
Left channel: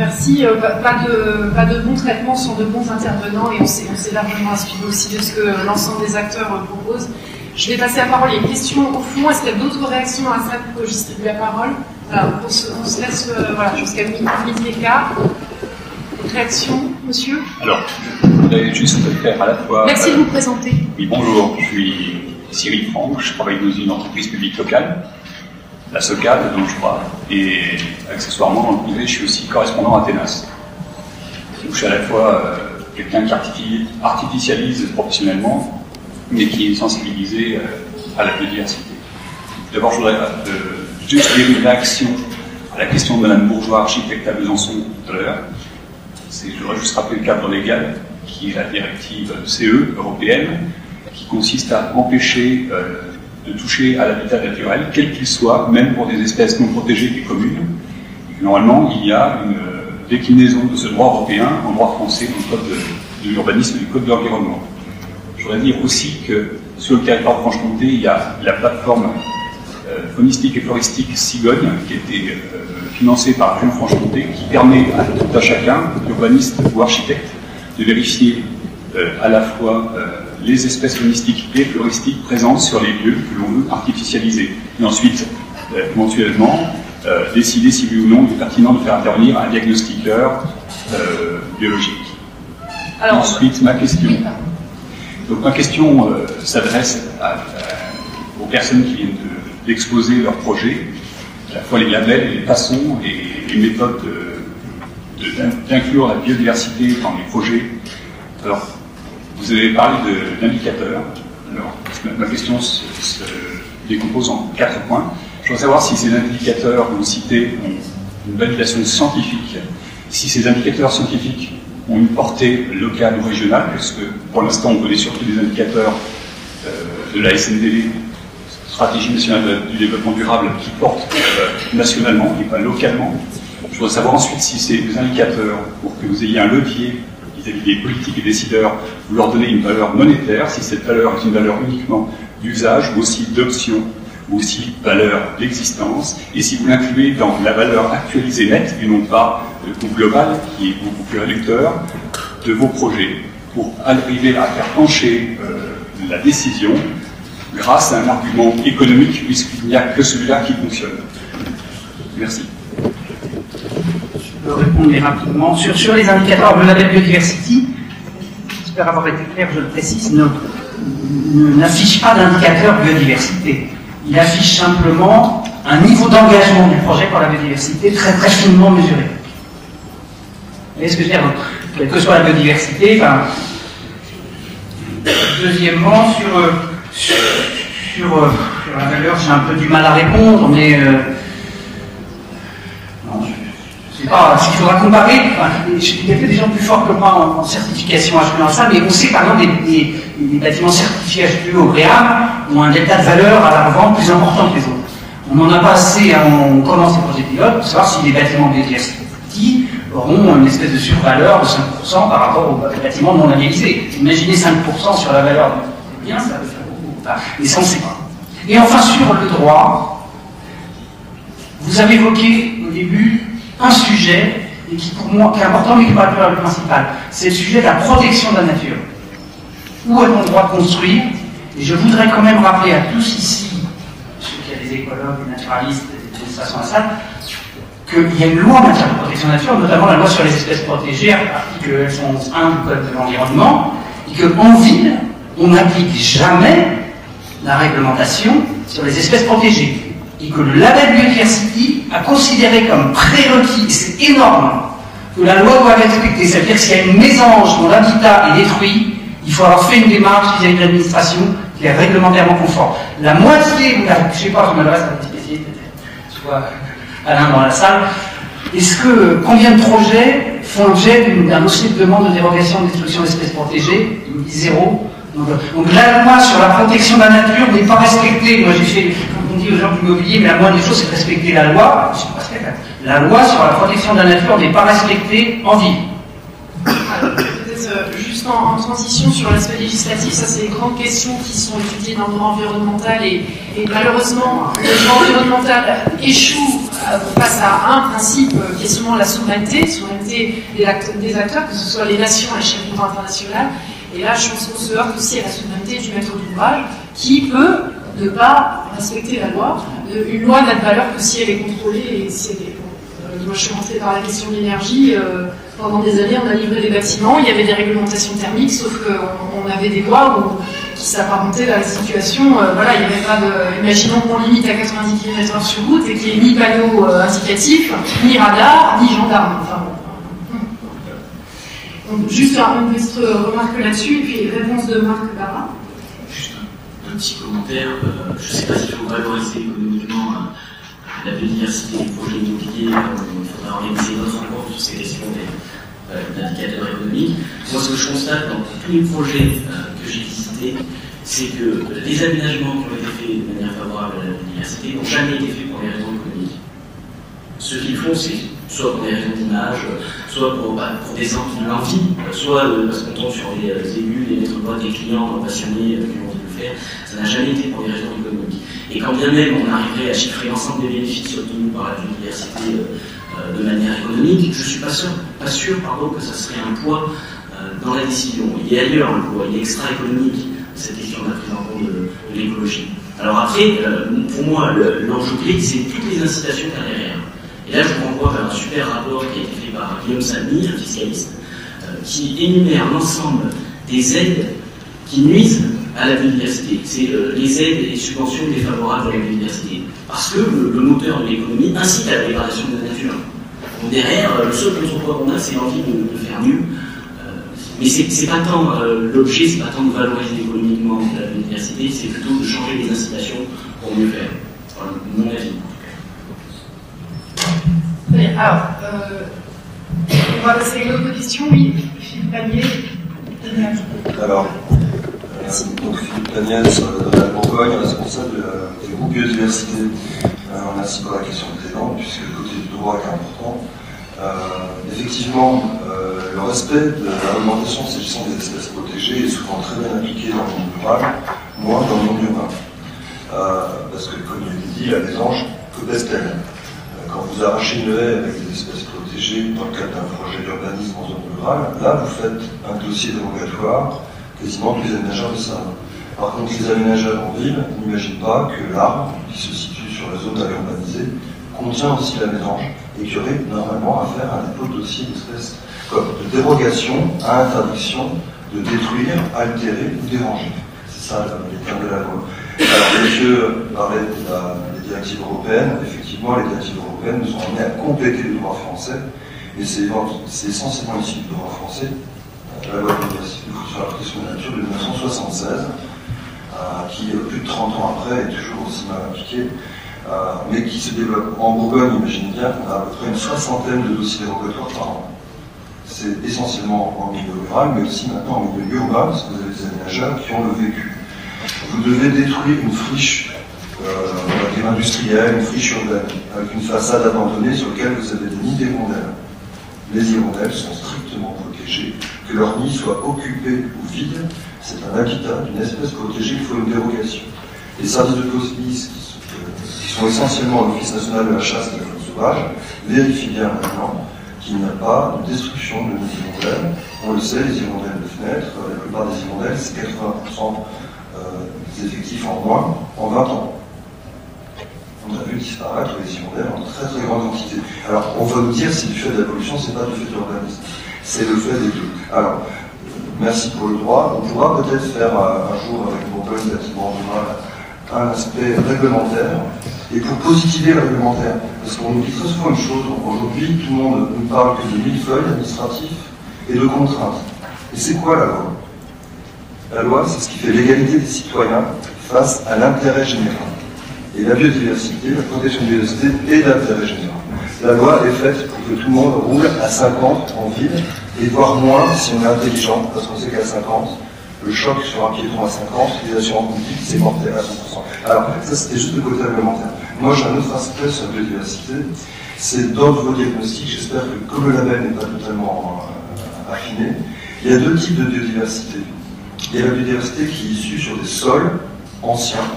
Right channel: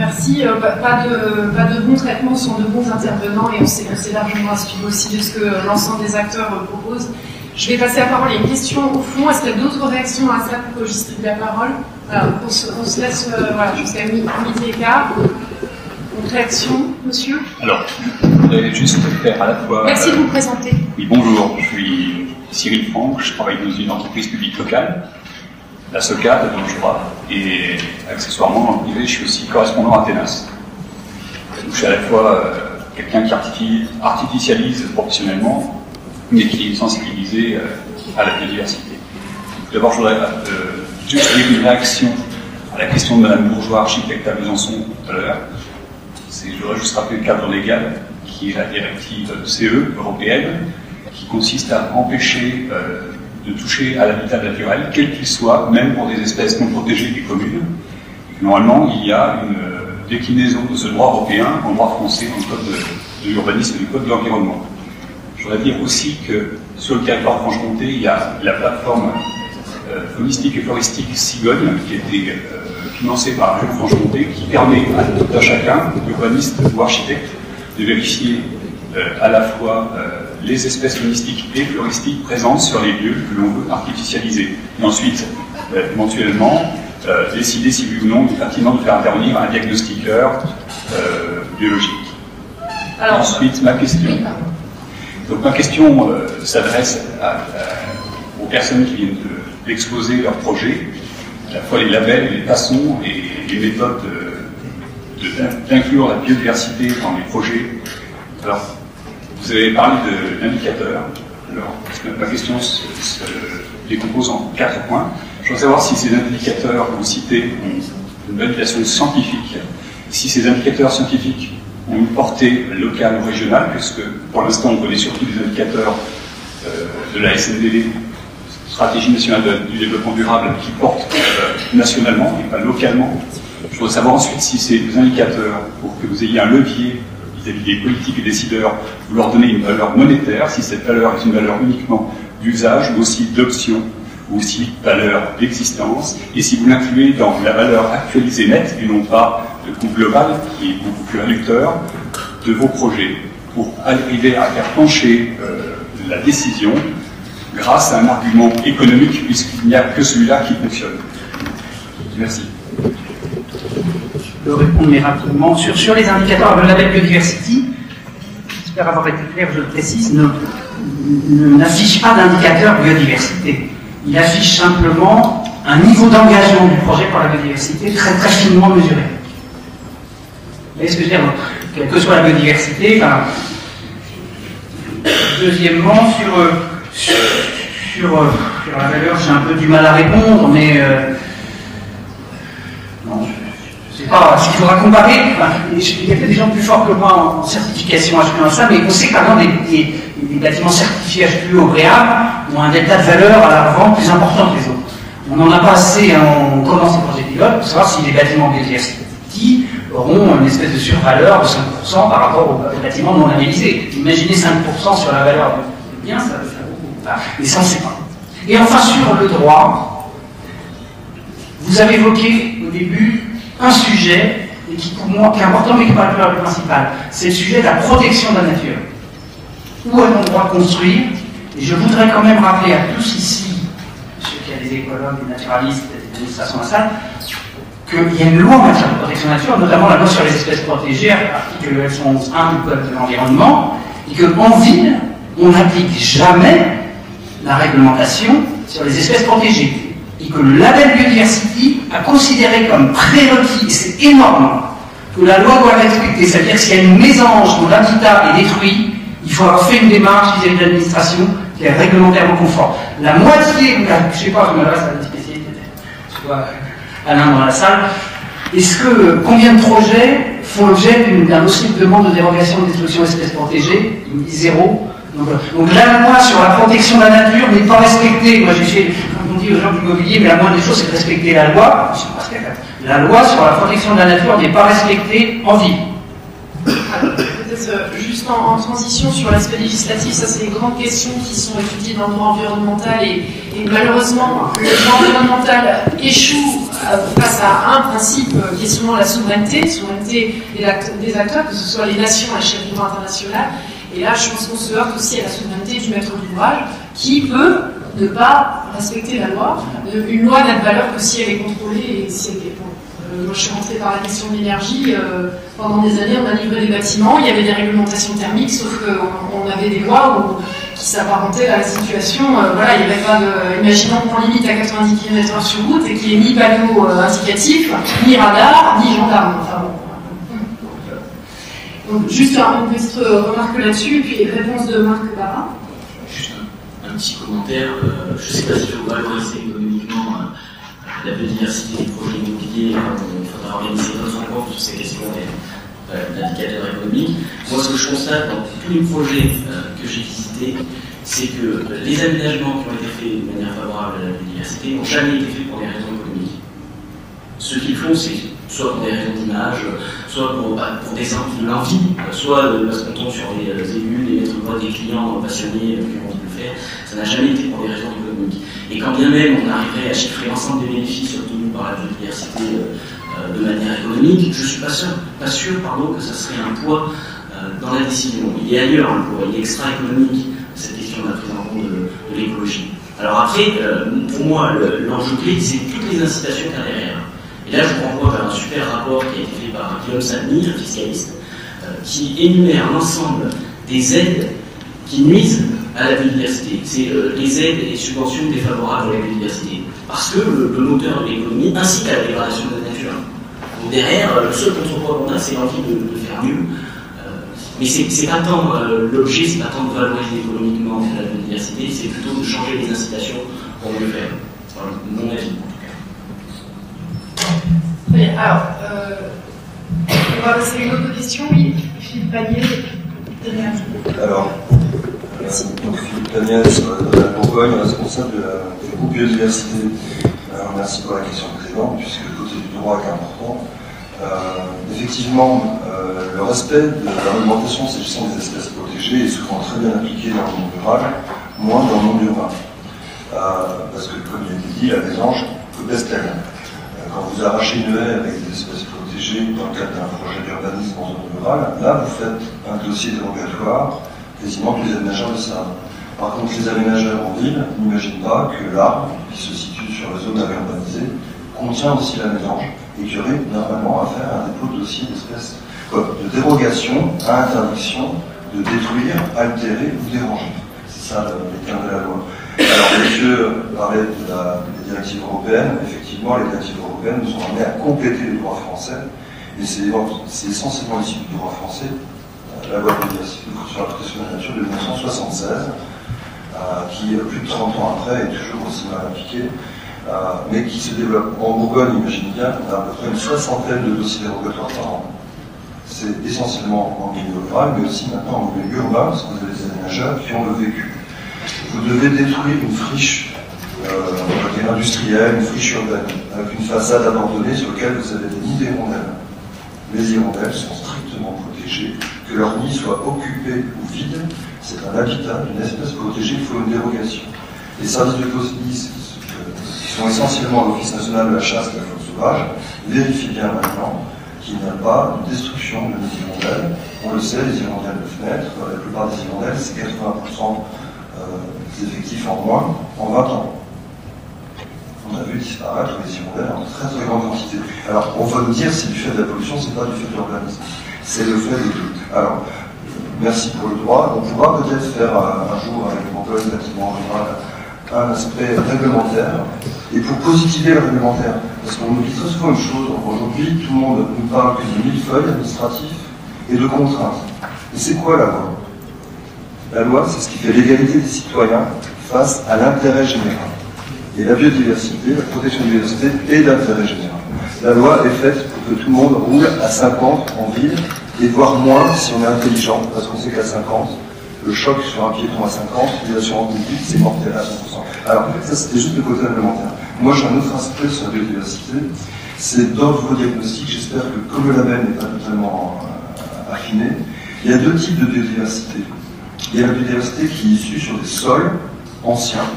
Merci. Pas de bons traitements sans de bons intervenants, et on s'est largement assis aussi de ce que l'ensemble des acteurs proposent. Je vais passer la parole à une question au fond. Est-ce qu'il y a d'autres réactions à ça pour que je distribue la parole? Voilà, on se laisse, voilà, parce qu'il y a midi et quart. Une réaction, monsieur? Alors, je voudrais juste faire à la fois... Est-ce que vous présentez? Oui, bonjour, je suis Cyril Franck, je travaille dans une entreprise publique locale, la SOCAD, dont je crois, et accessoirement, je suis aussi correspondant à Ténas. Donc, je suis à la fois quelqu'un qui artificialise professionnellement, mais qui est sensibilisé à la biodiversité. D'abord, je voudrais juste donner une réaction à la question de Mme Bourgeois, architecte à Besançon, tout à l'heure. Je voudrais juste rappeler le cadre légal, qui est la directive CE européenne, qui consiste à empêcher de toucher à l'habitat naturel, quel qu'il soit, même pour des espèces non protégées des communes. Normalement, il y a une déclinaison de ce droit européen en droit français, dans le code de l'urbanisme et du code de l'environnement. Je voudrais dire aussi que sur le territoire Franche-Comté, il y a la plateforme faunistique et floristique Cigogne, qui a été financée par la région Franche-Comté, qui permet à tout à chacun, urbaniste ou architecte, de vérifier à la fois les espèces faunistiques et floristiques présentes sur les lieux que l'on veut artificialiser. Et ensuite, éventuellement, décider si oui ou non il est pertinent de faire intervenir un diagnostiqueur biologique. Ensuite, ma question. Donc ma question s'adresse aux personnes qui viennent d'exposer leur projet, à la fois les labels, les façons et les méthodes d'inclure la biodiversité dans les projets. Alors, vous avez parlé d'indicateurs. Alors, ma question se décompose en 4 points. Je veux savoir si ces indicateurs que vous citez ont une validation scientifique, si ces indicateurs scientifiques ont une portée locale ou régionale, parce que pour l'instant on connaît surtout des indicateurs de la SND, Stratégie nationale du développement durable, qui portent nationalement et pas localement. Je veux savoir ensuite si ces indicateurs, pour que vous ayez un levier vis-à-vis des politiques et décideurs, vous leur donnez une valeur monétaire, si cette valeur est une valeur uniquement d'usage ou aussi d'option, ou aussi valeur d'existence, et si vous l'incluez dans la valeur actualisée nette, et non pas le coût global, qui est beaucoup plus réducteur de vos projets, pour arriver à faire pencher la décision grâce à un argument économique, puisqu'il n'y a que celui-là qui fonctionne. Merci. Je vais répondre rapidement. Sur les indicateurs de label biodiversity, j'espère avoir été clair, je le précise, n'affiche pas d'indicateur biodiversité. Il affiche simplement un niveau d'engagement du projet par la biodiversité très très finement mesuré. Vous voyez ce que je veux dire? Quelle que soit la biodiversité, enfin, deuxièment, sur la valeur, j'ai un peu du mal à répondre, mais non, je sais pas, il faudra comparer. Il y a des gens plus forts que moi en certification HPE, mais on sait que par exemple des bâtiments certifiés HPE au REAM ont un delta de valeur à la vente plus important que les autres. On n'en a pas assez, on commence les projets pilotes pour savoir si les bâtiments biodiversity auront une espèce de survaleur de 5% par rapport aux bâtiments non labellisés. Imaginez 5% sur la valeur des biens, ça peut faire beaucoup. Enfin, mais ça, on ne sait pas. Et enfin, sur le droit, vous avez évoqué au début un sujet qui, pour moi, qui est important, mais qui n'est pas le principal. C'est le sujet de la protection de la nature. Où est mon droit de construire? Et je voudrais quand même rappeler à tous ici, ceux qui ont des écologues, des naturalistes, des administrations à la salle, qu'il y a une loi en matière de protection de la nature, notamment la loi sur les espèces protégées, article L111.1 du Code de l'environnement, et qu'en ville, on n'applique jamais la réglementation sur les espèces protégées. Et que le label Biodiversity a considéré comme prérequis, et c'est énorme, que la loi doit être respectée. C'est-à-dire que s'il y a une mésange dont l'habitat est détruit, il faut avoir fait une démarche vis-à-vis de l'administration qui est réglementairement conforme. La moitié, je ne sais pas, je me reste à des spécialistes, peut-être, tu vois, Alain dans la salle, combien de projets font l'objet d'un dossier de demande de dérogation de destruction d'espèces protégées? Il me dit 0. Donc la loi sur la protection de la nature n'est pas respectée. Moi j'ai fait, comme on dit aux gens de l'immobilier, mais la moindre des choses c'est de respecter la loi. La loi sur la protection de la nature n'est pas respectée en ville. Juste en transition sur l'aspect législatif, ça c'est des grandes questions qui sont étudiées dans le droit environnemental et malheureusement le droit environnemental échoue face à un principe qui est souvent la souveraineté des acteurs, que ce soit les nations à l'échelle internationale. Et là, je pense qu'on se heurte aussi à la souveraineté du maître d'ouvrage qui peut ne pas respecter la loi. Une loi n'a de valeur que si elle est contrôlée et si elle est moi, je suis rentrée par la question de l'énergie. Pendant des années, on a livré des bâtiments, il y avait des réglementations thermiques, sauf qu'on avait des lois qui s'apparentaient à la situation. Voilà, il n'y avait pas de. Imaginons qu'on limite à 90 km/h sur route et qu'il n'y ait ni panneau indicatif, ni radar, ni gendarme. Enfin, bon. Donc, juste une petite remarque là-dessus, et puis réponse de Marc Barra. Juste un petit commentaire. Je ne sais pas s'il faut valoriser économiquement la biodiversité du projet immobilier. Il faudra organiser d'autres rencontres sur ces questions d'indicateurs économiques. Moi, ce que je constate dans tous les projets que j'ai visités, c'est que les aménagements qui ont été faits de manière favorable à la biodiversité n'ont jamais été faits pour des raisons économiques. Ce qu'ils font, c'est soit pour des raisons d'image, soit pour descendre l'envie, soit parce qu'on tombe sur des élus, des maîtres d'ouvrage, des clients passionnés qui ont envie de le faire. Ça n'a jamais été pour des raisons économiques. Et quand bien même on arriverait à chiffrer l'ensemble des bénéfices obtenus par la biodiversité de manière économique, je ne suis pas sûr que ça serait un poids dans la décision. Il y a ailleurs un poids, il est extra-économique, cette question de la prise en compte de l'écologie. Alors après, pour moi, l'enjeu clé, c'est toutes les incitations qu'il y a derrière. Et là, je vous renvoie vers un super rapport qui a été fait par Guillaume Salmy, un fiscaliste, qui énumère l'ensemble des aides qui nuisent à la biodiversité. C'est les aides et les subventions défavorables à la biodiversité. Parce que le moteur de l'économie incite à la dégradation de la nature. Donc derrière, le seul contre-poids qu'on a, c'est l'envie de faire mieux. Mais c'est pas tant l'objet, c'est pas tant de valoriser économiquement la biodiversité, c'est plutôt de changer les incitations pour mieux faire. Voilà, mon avis. Mais alors, on va passer à une autre question. Oui, Philippe Pagnier. Alors, donc Philippe Pagnier, de la Bourgogne, responsable du groupe biodiversité. Merci pour la question précédente, puisque le côté du droit est important. Effectivement, le respect de la réglementation s'agissant des espèces protégées est souvent très bien appliqué dans le monde rural, moins dans le monde urbain. Parce que, comme il a été dit, la mésange peut pester rien. Quand vous arrachez une haie avec des espèces protégées, protégés dans le cadre d'un projet d'urbanisme en zone rurale. Là, vous faites un dossier dérogatoire quasiment tous les aménageurs de ça. Par contre, les aménageurs en ville n'imaginent pas que l'arbre, qui se situe sur la zone à urbaniser, contient aussi la mésange et qu'il y aurait normalement à faire un dépôt de dossier d'espèces comme de dérogation à interdiction de détruire, altérer ou déranger. C'est ça les termes de la loi. Alors, monsieur parlait des directives européennes. Effectivement, les directives européennes nous ont amenés à compléter le droit français, et c'est essentiellement ici le droit français, la loi de biodiversité sur la protection de la nature de 1976, qui, plus de 30 ans après, est toujours aussi mal appliquée, mais qui se développe. En Bourgogne, imaginez bien, on a à peu près une 60aine de dossiers dérogatoires par an. C'est essentiellement en milieu rural, mais aussi maintenant en milieu urbain, parce que vous avez des aménageurs qui ont le vécu. Vous devez détruire une friche industrielle, une friche urbaine, avec une façade abandonnée sur laquelle vous avez des nids d'hirondelles. Les hirondelles sont strictement protégées, que leur nid soit occupé ou vide, c'est un habitat d'une espèce protégée, il faut une dérogation. Les services de police, qui sont essentiellement l'Office national de la chasse et de la faune sauvage, vérifient bien maintenant qu'il n'y a pas de destruction de nids hirondelles. On le sait, les hirondelles de fenêtre, la plupart des hirondelles, c'est 80% des effectifs en moins en 20 ans. On a vu disparaître les hirondelles en très très grande quantité. Alors, on va nous dire c'est du fait de la pollution, c'est pas du fait de l'urbanisme. C'est le fait des deux. Alors, merci pour le droit. On pourra peut-être faire un jour avec le Bourgogne bâtiment rural un aspect réglementaire. Et pour positiver le réglementaire, parce qu'on oublie très souvent une chose, aujourd'hui tout le monde ne parle que de millefeuilles administratifs et de contraintes. Et c'est quoi la loi? La loi, c'est ce qui fait l'égalité des citoyens face à l'intérêt général. Et la biodiversité, la protection de la biodiversité est d'intérêt général. La loi est faite pour que tout le monde roule à 50 en ville, et voire moins si on est intelligent, parce qu'on sait qu'à 50, le choc sur un piéton à 50, les assurances publiques, c'est mortel à 100%. Alors en fait, ça c'était juste le côté réglementaire. Moi j'ai un autre aspect sur la biodiversité, c'est dans vos diagnostics, j'espère que comme le label n'est pas totalement affiné, il y a deux types de biodiversité. Il y a la biodiversité qui est issue sur des sols anciens,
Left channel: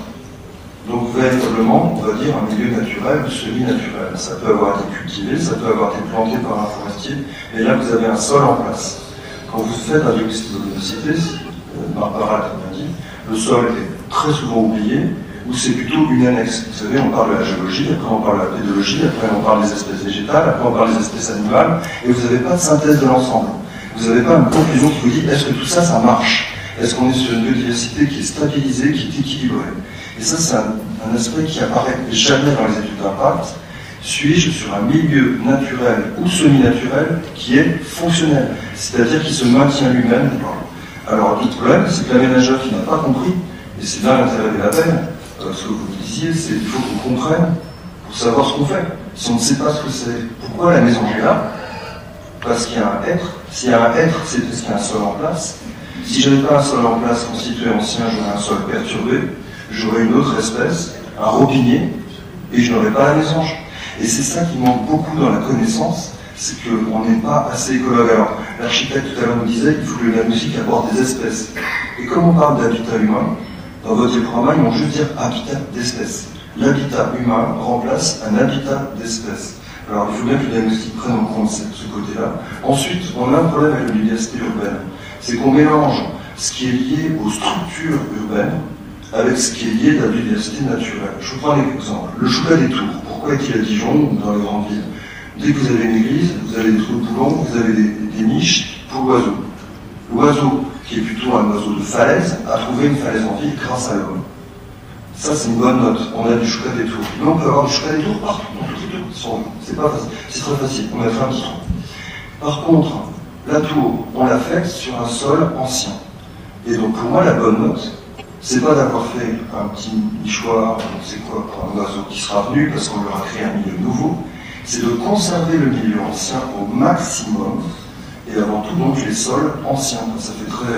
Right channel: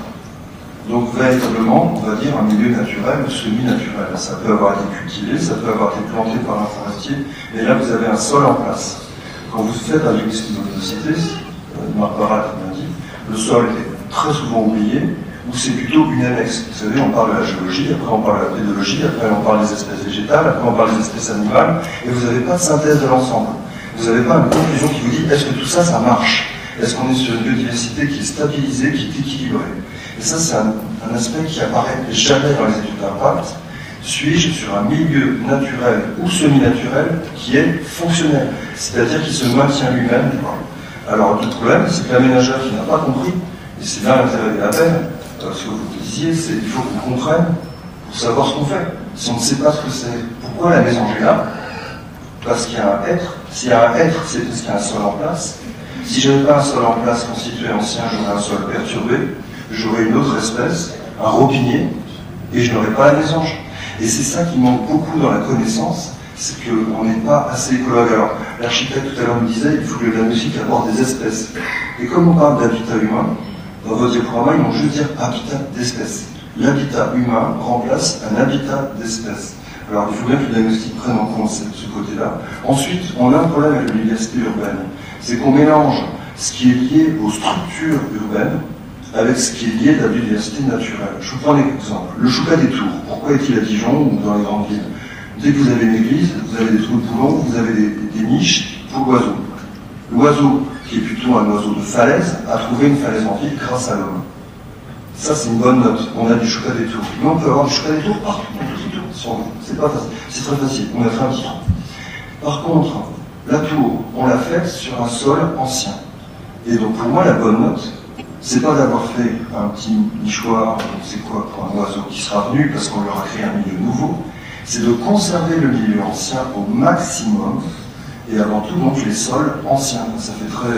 donc véritablement, on va dire, un milieu naturel ou semi-naturel. Ça peut avoir été cultivé, ça peut avoir été planté par un forestier, mais là vous avez un sol en place. Quand vous faites un diagnostic de biodiversité, Barbara l'a bien dit, le sol est très souvent oublié, ou c'est plutôt une annexe. Vous savez, on parle de la géologie, après on parle de la pédologie, après on parle des espèces végétales, après on parle des espèces animales, et vous n'avez pas de synthèse de l'ensemble. Vous n'avez pas une conclusion qui vous dit est-ce que tout ça, ça marche? Est-ce qu'on est sur une biodiversité qui est stabilisée, qui est équilibrée? Et ça, c'est un aspect qui apparaît jamais dans les études d'impact. Suis-je sur un milieu naturel ou semi-naturel qui est fonctionnel, c'est-à-dire qui se maintient lui-même? Alors, le problème, c'est que l'aménageur qui n'a pas compris, et c'est là l'intérêt de la peine, ce que vous disiez, c'est qu'il faut qu'on comprenne pour savoir ce qu'on fait. Si on ne sait pas ce que c'est, pourquoi la maison est là? Parce qu'il y a un être. S'il y a un être, c'est parce qu'il y a un sol en place. Si je n'avais pas un sol en place constitué ancien, j'aurais un sol perturbé, j'aurais une autre espèce, un robinier, et je n'aurais pas la mésange. Et c'est ça qui manque beaucoup dans la connaissance, c'est qu'on n'est pas assez écologue. Alors, l'architecte tout à l'heure nous disait, il faut que la musique apporte des espèces. Et comme on parle d'habitat humain, dans votre diaporama, ils vont juste dire habitat d'espèces. L'habitat humain remplace un habitat d'espèces. Alors, il faut bien que le diagnostic prenne en compte ce côté-là. Ensuite, on a un problème avec la biodiversité urbaine. C'est qu'on mélange ce qui est lié aux structures urbaines avec ce qui est lié à la biodiversité naturelle. Je vous prends un exemple. Le choucas des tours. Pourquoi est-il à Dijon ou dans les grandes villes? Dès que vous avez une église, vous avez des trous de boulons, vous avez des niches pour oiseaux. L'oiseau, qui est plutôt un oiseau de falaise, a trouvé une falaise en ville grâce à l'homme. Ça, c'est une bonne note. On a du choucas des tours. Mais on peut avoir du choucas des tours partout, dans toutes les tours. C'est pas facile. C'est très facile. On mettra un petit trou. Par contre, la tour, on l'a faite sur un sol ancien. Et donc, pour moi, la bonne note, c'est pas d'avoir fait un petit nichoir, c'est quoi, pour un oiseau qui sera venu parce qu'on leur a créé un milieu nouveau, c'est de conserver le milieu ancien au maximum, et avant tout, donc, les sols anciens. Ça fait très,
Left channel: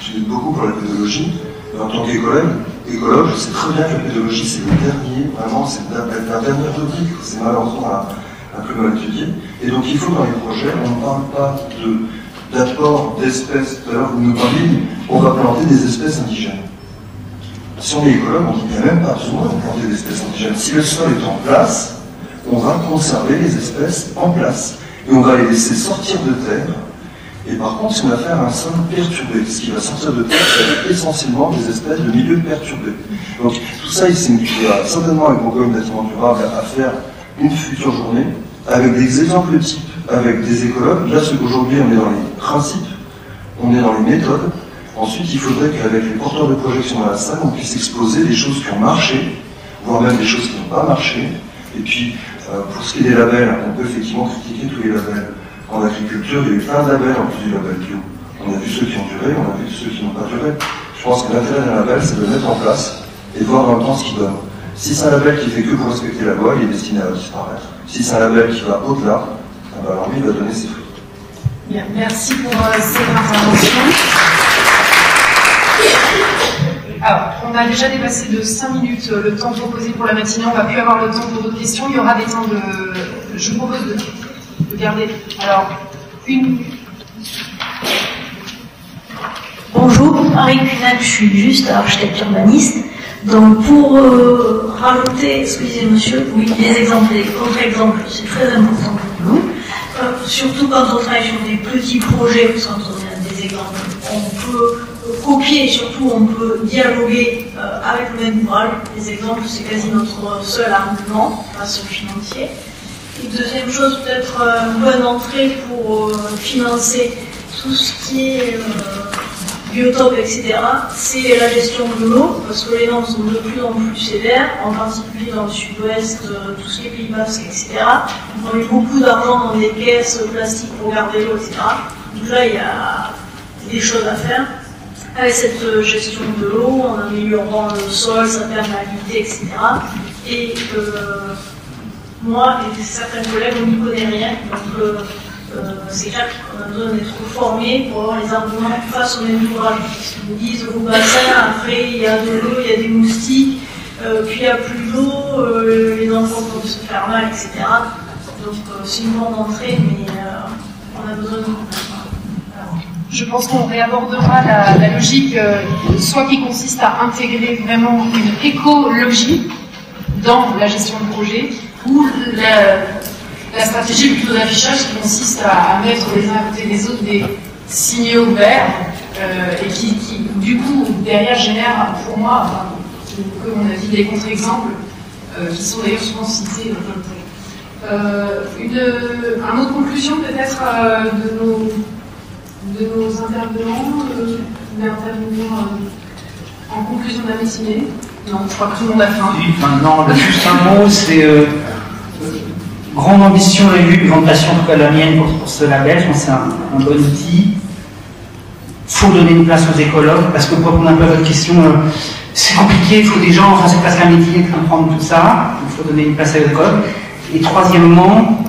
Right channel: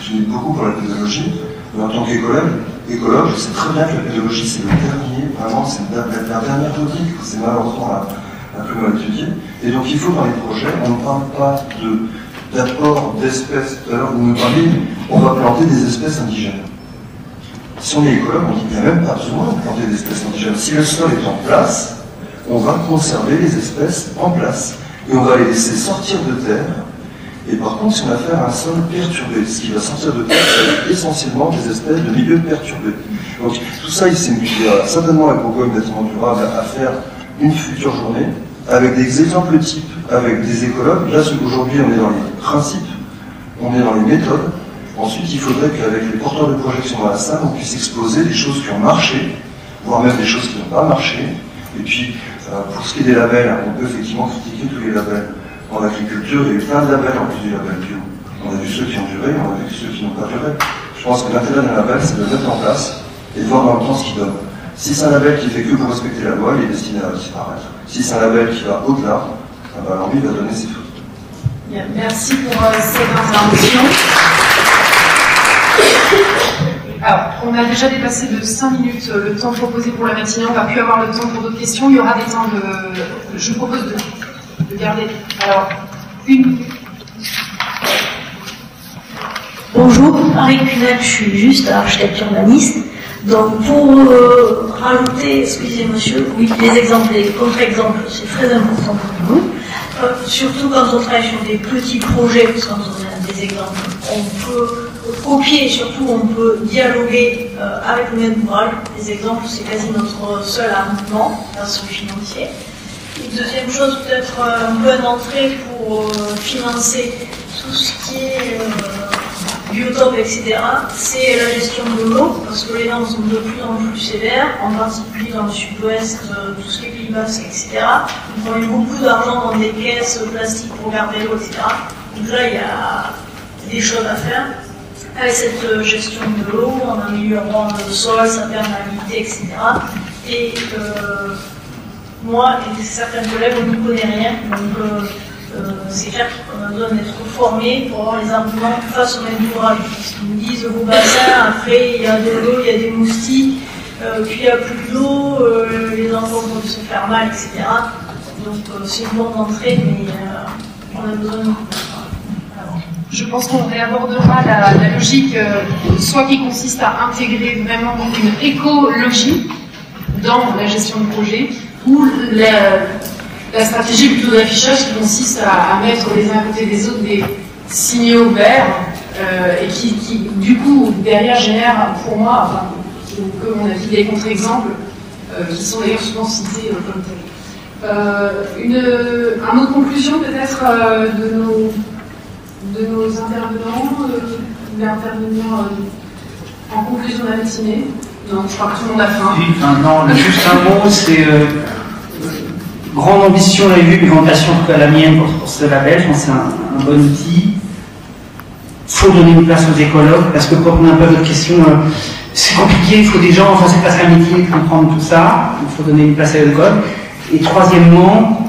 je lis beaucoup pour la pédologie, en tant qu'écologue, je sais très bien que la pédologie, c'est le dernier, vraiment, c'est la dernière topique, c'est malheureusement la plus mal étudiée. Et donc, il faut, dans les projets, on ne parle pas d'apport d'espèces. Tout à l'heure, vous me parliez, on va planter des espèces indigènes. Si on est écologue, on dit qu'il n'y a même pas besoin de planter des espèces indigènes. Si le sol est en place, on va conserver les espèces en place. et on va les laisser sortir de terre. Et par contre, si on va faire un sol perturbé, ce qui va sortir de terre, c'est essentiellement des espèces de milieux perturbés. Donc tout ça, il va certainement la Bourgogne bâtiment durable à faire une future journée, avec des exemples types, avec des écologues. Là, aujourd'hui, on est dans les principes, on est dans les méthodes. Ensuite, il faudrait qu'avec les porteurs de projection à la salle, on puisse exposer des choses qui ont marché, voire même des choses qui n'ont pas marché. Et puis, pour ce qui est des labels, on peut effectivement critiquer tous les labels. En agriculture, il y a eu plein de labels en plus du label bio. On a vu ceux qui ont duré, on a vu ceux qui n'ont pas duré. Je pense que l'intérêt d'un label, c'est de le mettre en place et de voir dans le temps ce qu'il donne. Si c'est un label qui fait que pour respecter la loi, il est destiné à disparaître. Si c'est un label qui va au-delà, alors lui, il va donner ses fruits. Bien, merci pour cette information. Alors, on a déjà dépassé de 5 minutes le temps proposé pour la matinée. On va plus avoir le temps pour d'autres questions. Il y aura des temps de... Je vous propose de garder. Alors, une minute. Bonjour, Marie Cunel, je suis juste architecte urbaniste. Donc pour rajouter ce que disait monsieur, oui, les exemples, les contre-exemples, c'est très important pour nous. Surtout quand on travaille sur des petits projets, quand on a des exemples, on peut copier et surtout on peut dialoguer avec le même ouvrage. Les exemples, c'est quasi notre seul argument face au financier. Et deuxième chose, peut-être une bonne entrée pour financer tout ce qui est biotope, etc., c'est la gestion de l'eau, parce que les normes sont de plus en plus sévères, en particulier dans le sud-ouest, tout ce qui est Pays Basque, etc. On met beaucoup d'argent dans des caisses plastiques pour garder l'eau, etc. Donc là, il y a des choses à faire. Avec cette gestion de l'eau, en améliorant le sol, sa perméabilité, etc. Et moi et certains collègues, on n'y connaît rien, donc c'est clair qu'on a besoin d'être formés pour avoir les arguments face au même ouvrage. Ils nous disent vos bassins, après il y a de l'eau, il y a des moustiques, puis il n'y a plus d'eau, les enfants peuvent se faire mal, etc. Donc c'est une bonne entrée, mais on a besoin de... Je pense qu'on réabordera la logique, soit qui consiste à intégrer vraiment une écologie dans la gestion de projet, ou la stratégie plutôt d'affichage qui consiste à mettre les uns à côté des autres des signaux verts et qui du coup derrière génère pour moi, enfin, comme on a dit, des contre-exemples qui sont d'ailleurs souvent cités comme tels. Une autre conclusion peut-être de nos intervenants, d'intervenir en conclusion de la matinée. Non, je crois que tout le monde a faim. Non, juste un mot, c'est grande ambition et vue, grande passion que la mienne pour ce label. Je pense que c'est un bon outil. Il faut donner une place aux écologues, parce que quand on a un peu de questions, c'est compliqué, il faut des gens en face à midi pour comprendre tout ça. Il faut donner une place à l'école. Et troisièmement,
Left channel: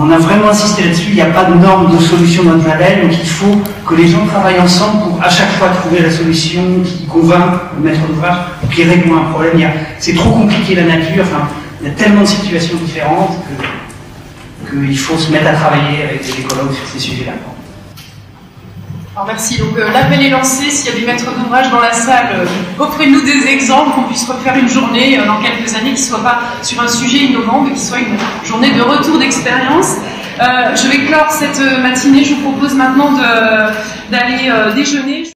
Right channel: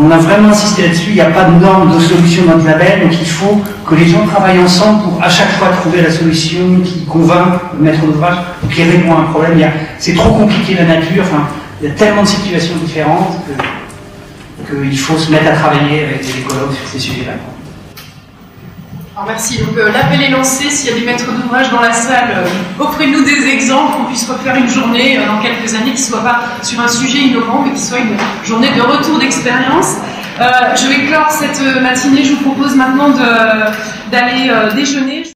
on a vraiment insisté là-dessus, il n'y a pas de norme de solution dans notre label, donc il faut que les gens travaillent ensemble pour à chaque fois trouver la solution qui convainc le maître d'ouvrage, qui répond à un problème. C'est trop compliqué la nature, enfin, il y a tellement de situations différentes qu'il faut se mettre à travailler avec les écologues sur ces sujets-là. Alors merci. Donc l'appel est lancé. S'il y a des maîtres d'ouvrage dans la salle, offrez-nous des exemples, qu'on puisse refaire une journée dans quelques années qui ne soit pas sur un sujet innovant, mais qui soit une journée de retour d'expérience. Je vais clore cette matinée. Je vous propose maintenant d'aller déjeuner.